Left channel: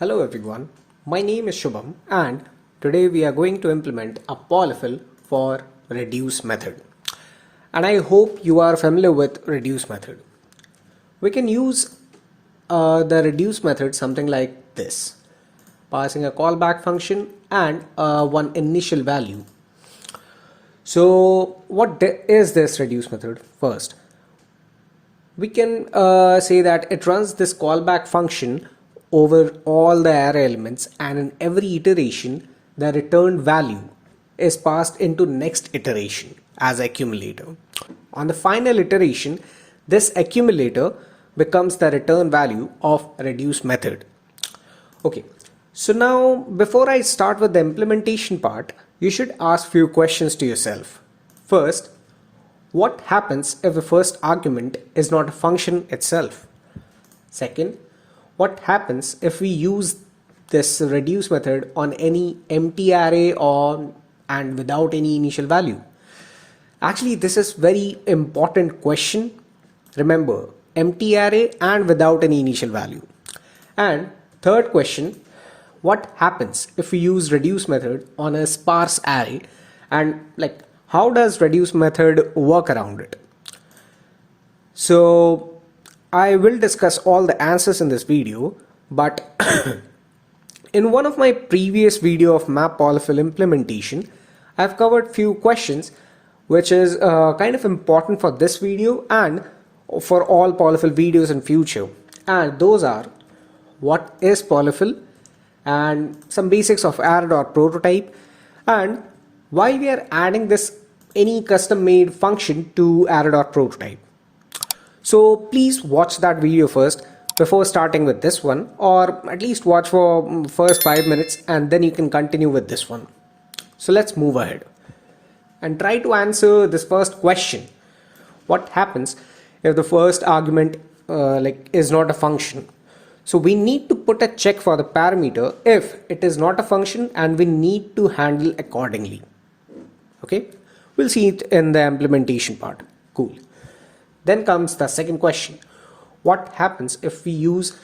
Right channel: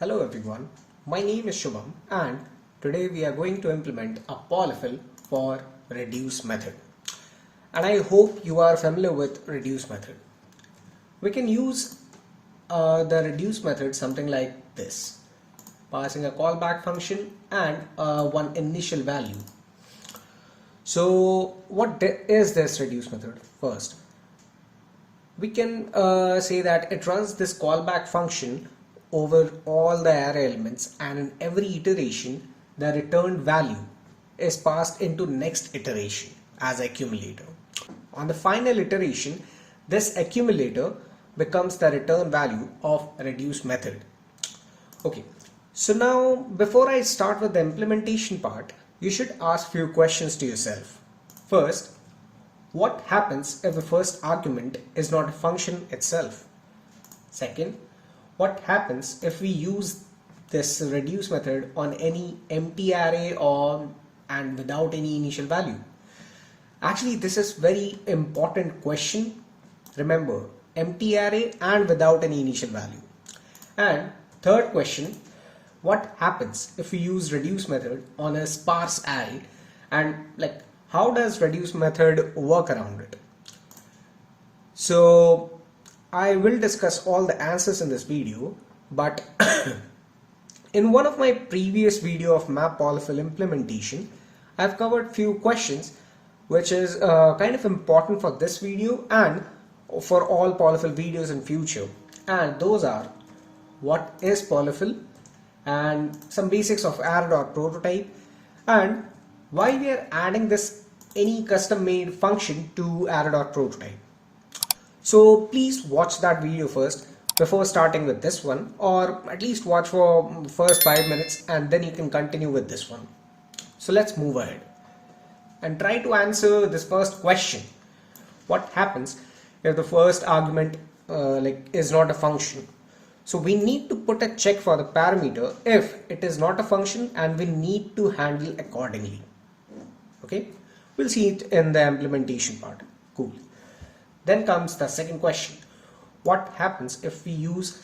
Hello everyone, my name is Shubham and today we are going to implement a polyfill for reduce method. And I hope you are familiar with reduce method. We can use the reduce method something like this, passing a callback function and one initial value. So what is this reduce method? First, we can say that it runs this callback function over all the array elements, and in every iteration the returned value is passed into next iteration as accumulator. On the final iteration, this accumulator becomes the return value of reduce method. Okay, so now before I start with the implementation part, you should ask few questions to yourself. First, what happens if the first argument is not a function itself? Second, what happens if we use this reduce method on any empty array and without any initial value? Actually, this is very important question. Remember, empty array and without any initial value. And third question, what happens if we use reduce method on a sparse array, and how does reduce method work around it? So I will discuss all the answers in this video, but in one of my previous video of map polyfill implementation, I've covered few questions which is kind of important for this video and for all polyfill videos in future. And those are, what is polyfill, and some basics of Array.prototype, and why we are adding this any custom made function to Array.prototype. So please watch that video first before starting with this one, or at least watch for first 5 minutes and then you can continue with this one. So let's move ahead and try to answer this first question. What happens if the first argument is not a function? So we need to put a check for the parameter if it is not a function, and we need to handle accordingly. Okay, we'll see it in the implementation part. Cool. Then comes the second question. What happens if we use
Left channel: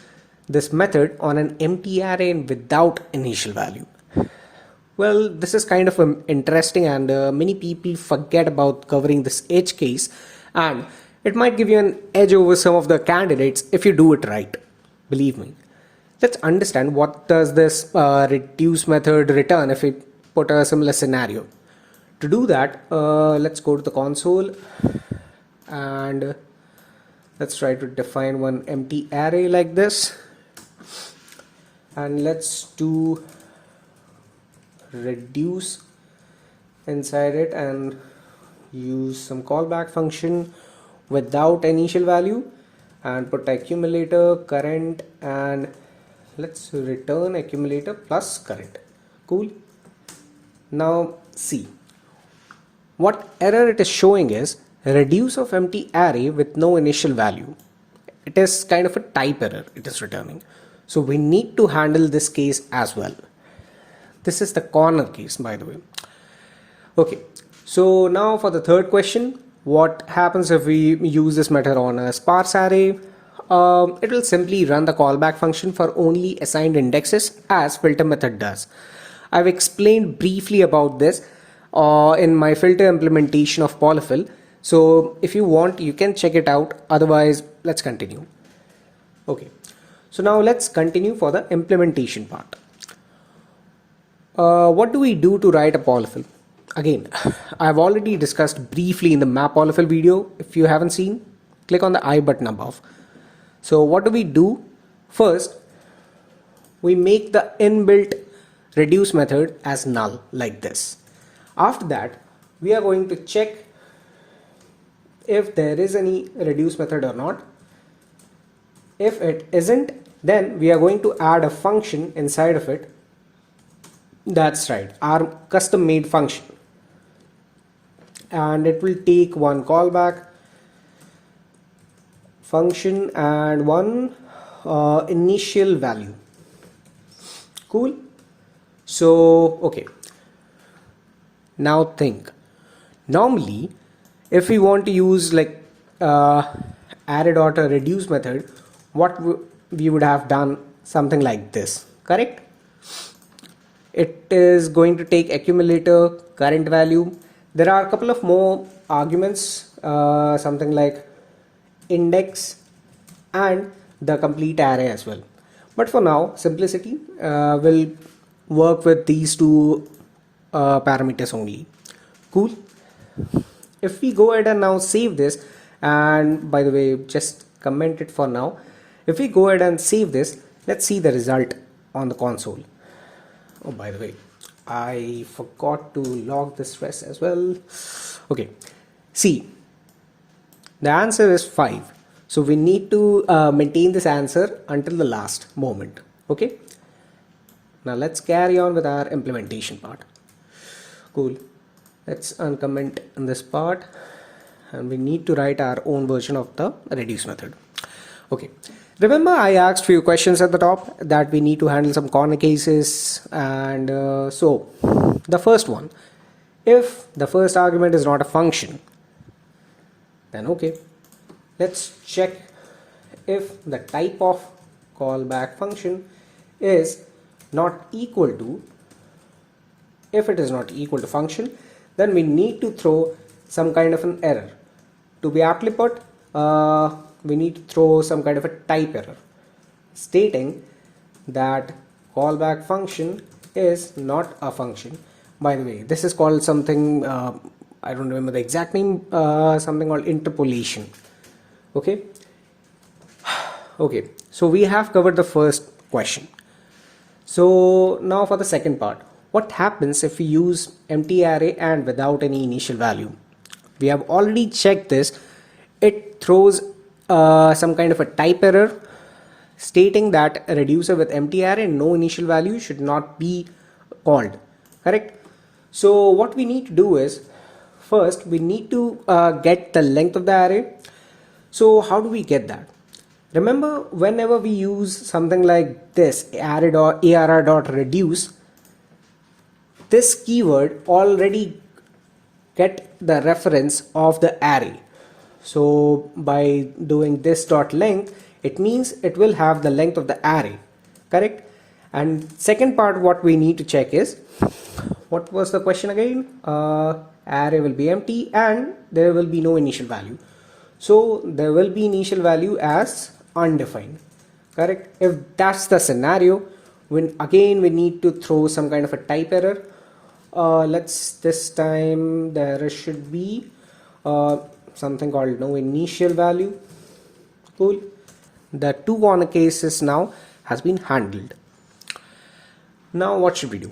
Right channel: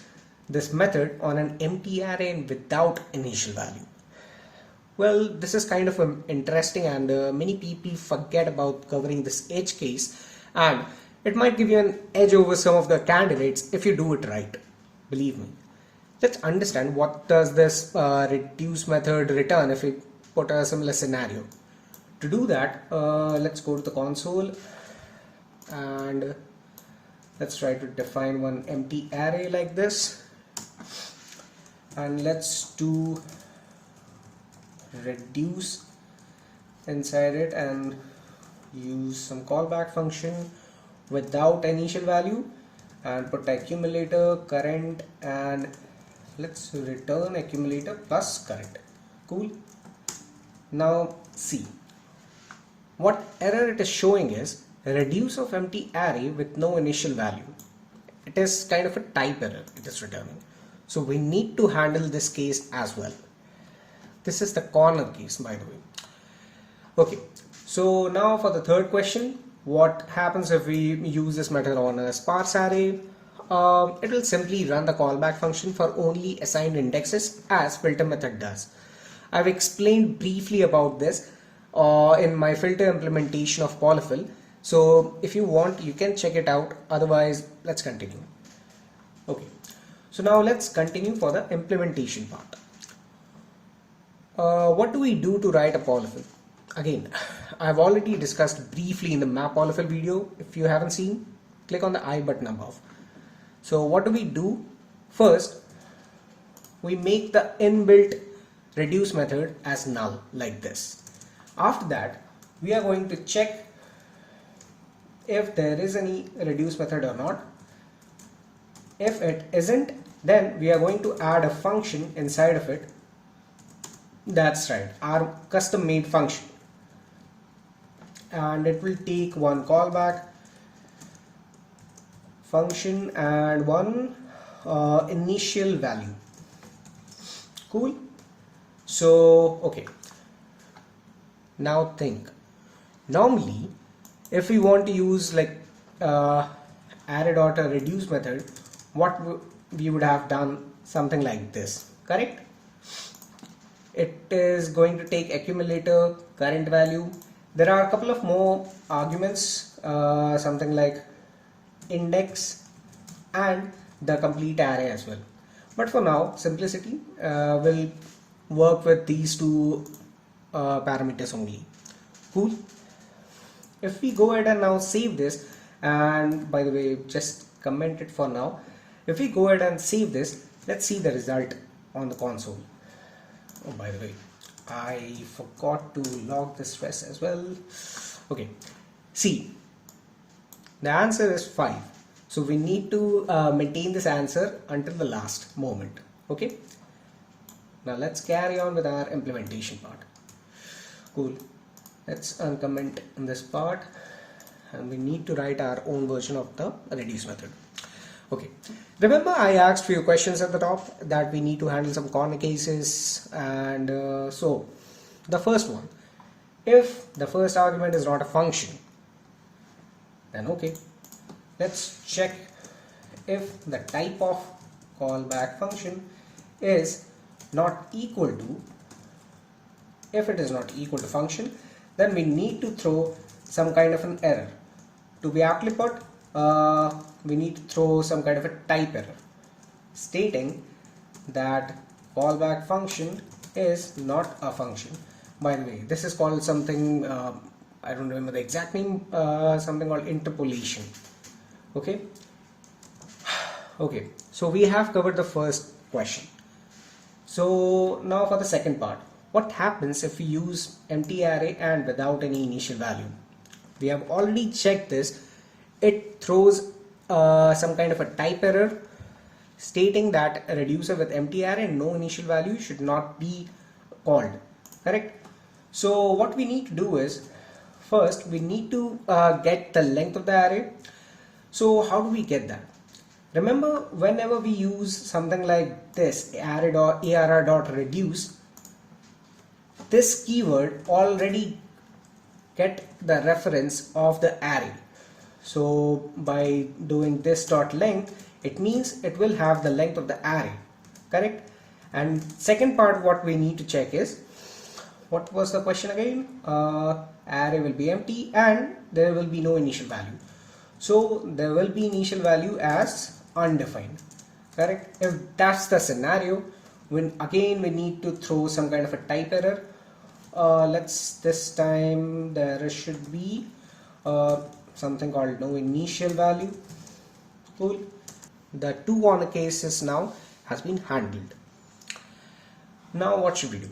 this method on an empty array and without initial value? Well, this is kind of interesting, and many people forget about covering this edge case, and it might give you an edge over some of the candidates if you do it right. Believe me. Let's understand what does this reduce method return if we put a similar scenario. To do that, let's go to the console and let's try to define one empty array like this, and let's do reduce inside it and use some callback function without initial value, and put accumulator current, and let's return accumulator plus current. Cool. Now see, what error it is showing is reduce of empty array with no initial value. It is kind of a type error it is returning. So we need to handle this case as well. This is the corner case, by the way. Okay, so now for the third question, what happens if we use this method on a sparse array? It will simply run the callback function for only assigned indexes as filter method does. I've explained briefly about this in my filter implementation of polyfill. So if you want, you can check it out. Otherwise, let's continue. Okay, so now let's continue for the implementation part. What do we do to write a polyfill? Again, I've already discussed briefly in the map polyfill video. If you haven't seen, click on the I button above. So what do we do? First, we make the inbuilt reduce method as null like this. After that, we are going to check if there is any reduce method or not. If it isn't, then we are going to add a function inside of it. That's right, our custom made function, and it will take one callback function and one initial value. Cool. So okay, now think, normally if we want to use array.reduce method, what we would have done something like this. correct? It is going to take accumulator, current value. There are a couple of more arguments, something like index and the complete array as well. But for now, simplicity will work with these two parameters only. Cool. If we go ahead and now save this, and by the way, just comment it for now. If we go ahead and save this, let's see the result on the console. Oh, by the way, I forgot to log this stress as well. Okay, see, the answer is 5. So we need to maintain this answer until the last moment. Okay, now let's carry on with our implementation part. Cool. Let's uncomment this part, and we need to write our own version of the reduce method. Okay, remember I asked few questions at the top that we need to handle some corner cases, and so the first one, if the first argument is not a function, then okay, let's check if the type of callback function is not equal to. If it is not equal to function, then we need to throw some kind of an error. To be aptly put, we need to throw some kind of a type error stating that callback function is not a function. By the way, this is called something, I don't remember the exact name, something called interpolation. Okay. Okay, so we have covered the first question. So now for the second part, what happens if we use empty array and without any initial value? We have already checked this. It throws some kind of a type error stating that a reducer with empty array and no initial value should not be called, correct? So what we need to do is, first we need to get the length of the array. So how do we get that? Remember, whenever we use something like this, array.reduce, this keyword already get the reference of the array. So by doing this dot length, it means it will have the length of the array, correct? And second part, what we need to check is, what was the question again? Array will be empty and there will be no initial value. So there will be initial value as undefined, correct? If that's the scenario, when again we need to throw some kind of a type error. This time the error should be something called no initial value. Cool. The two corner cases now has been handled. Now what should we do?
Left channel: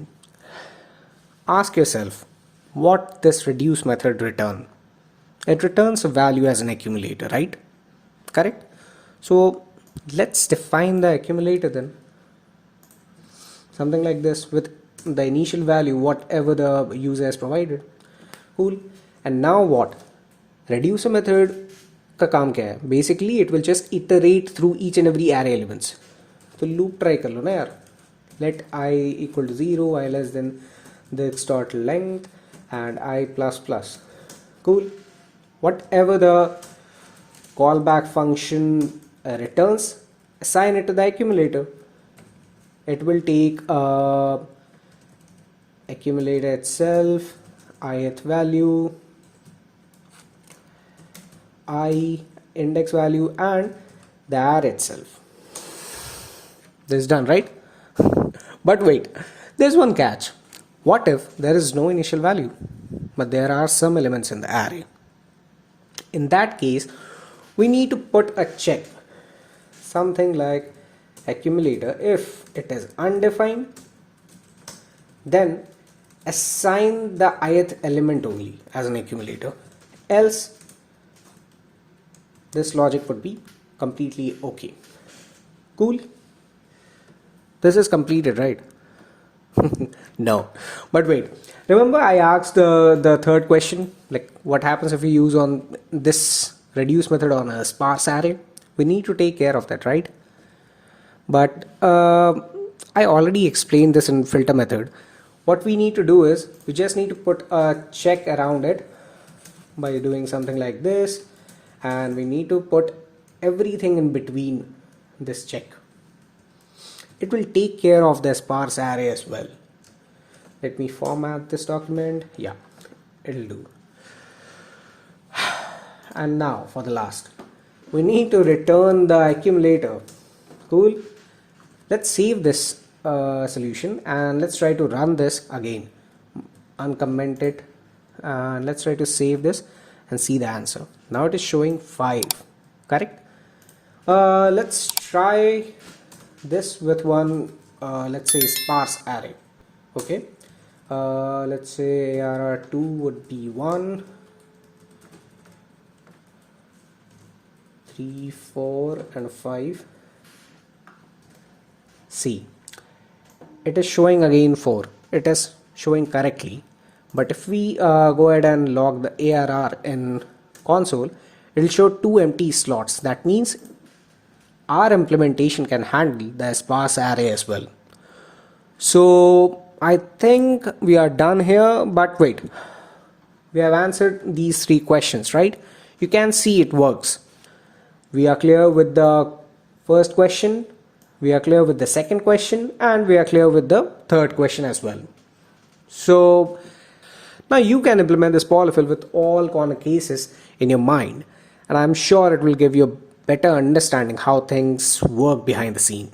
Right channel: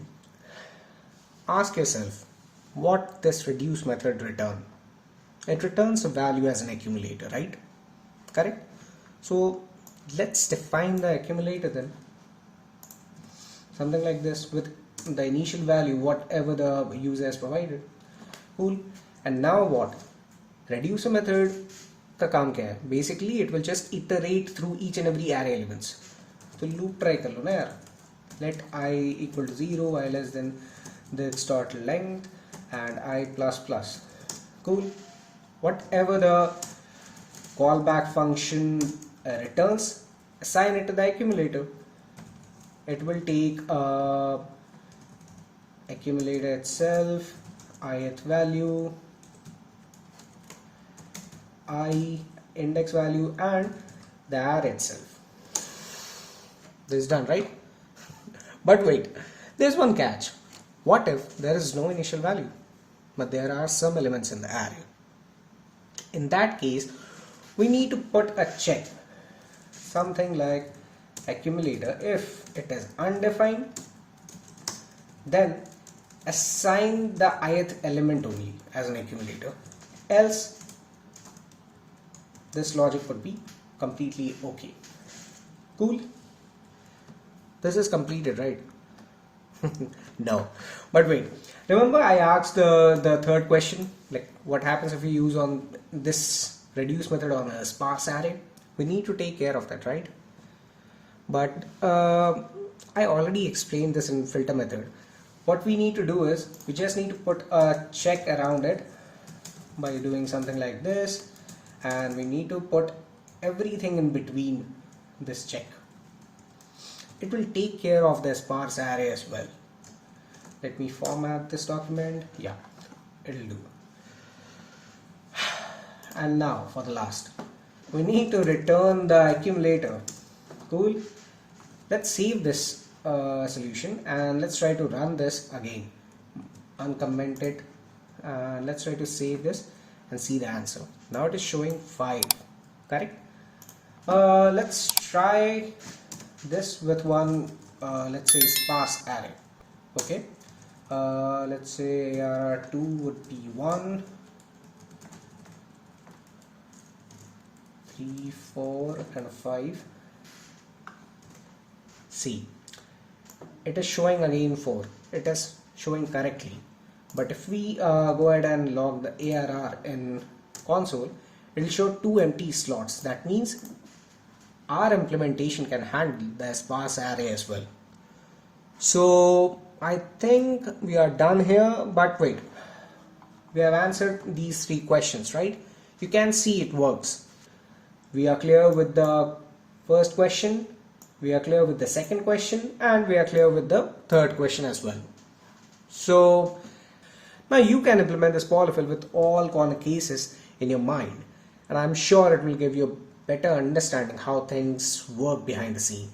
Ask yourself, what this reduce method return? It returns a value as an accumulator, right? Correct? So let's define the accumulator then. Something like this with the initial value, whatever the user has provided. Cool. And now what? Reducer method का काम क्या है? Basically it will just iterate through each and every array elements. तो loop try कर लो ना यार. Let I equal to 0, I less than this dot length and I plus plus. Cool. Whatever the callback function returns, assign it to the accumulator. It will take accumulator itself, ith value, I index value, and the array itself. This is done, right? But wait, there's one catch. What if there is no initial value, but there are some elements in the array? In that case, we need to put a check, something like accumulator. If it is undefined, then assign the ith element only as an accumulator, else this logic would be completely okay. Cool. This is completed, right? No, but wait, remember I asked the third question, like what happens if we use on this reduce method on a sparse array? We need to take care of that, right? But I already explained this in filter method. What we need to do is we just need to put a check around it by doing something like this, and we need to put everything in between this check. it will take care of the sparse array as well. Let me format this document. Yeah, it'll do. And now for the last, we need to return the accumulator. Cool. Let's save this solution and let's try to run this again. Uncomment it. Let's try to save this and see the answer. Now it is showing 5. Correct. Let's try this with one, let's say sparse array. Okay. Let's say ARR2 would be 1, 3, 4 and 5. See, it is showing again 4. It is showing correctly. But if we go ahead and log the ARR in console, it will show 2 empty slots. That means our implementation can handle the sparse array as well. So I think we are done here, but wait, we have answered these 3 questions, right? You can see it works. We are clear with the first question, we are clear with the second question, and we are clear with the third question as well. So now you can implement this polyfill with all corner cases in your mind, and I'm sure it will give you a better understanding how things work behind the scene.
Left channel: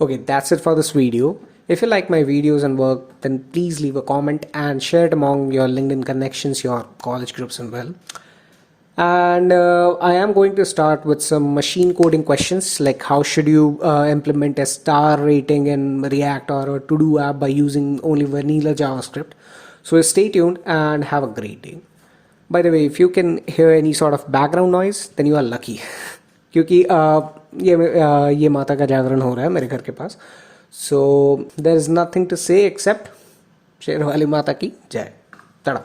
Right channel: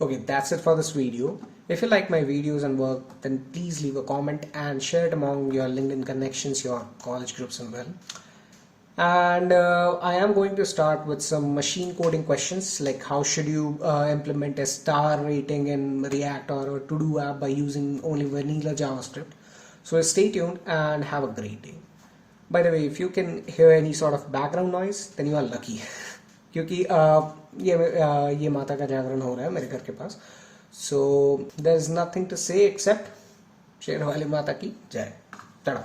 Okay, that's it for this video. If you like my videos and work, then please leave a comment and share it among your LinkedIn connections, your college groups and well. And I am going to start with some machine coding questions, like how should you implement a star rating in React or a to-do app by using only vanilla JavaScript. So stay tuned and have a great day. By the way, if you can hear any sort of background noise, then you are lucky. क्योंकि ये माता का जागरण हो रहा है मेरे घर के पास. So there is nothing to say except शेर वाली माता की जय. तड़ा.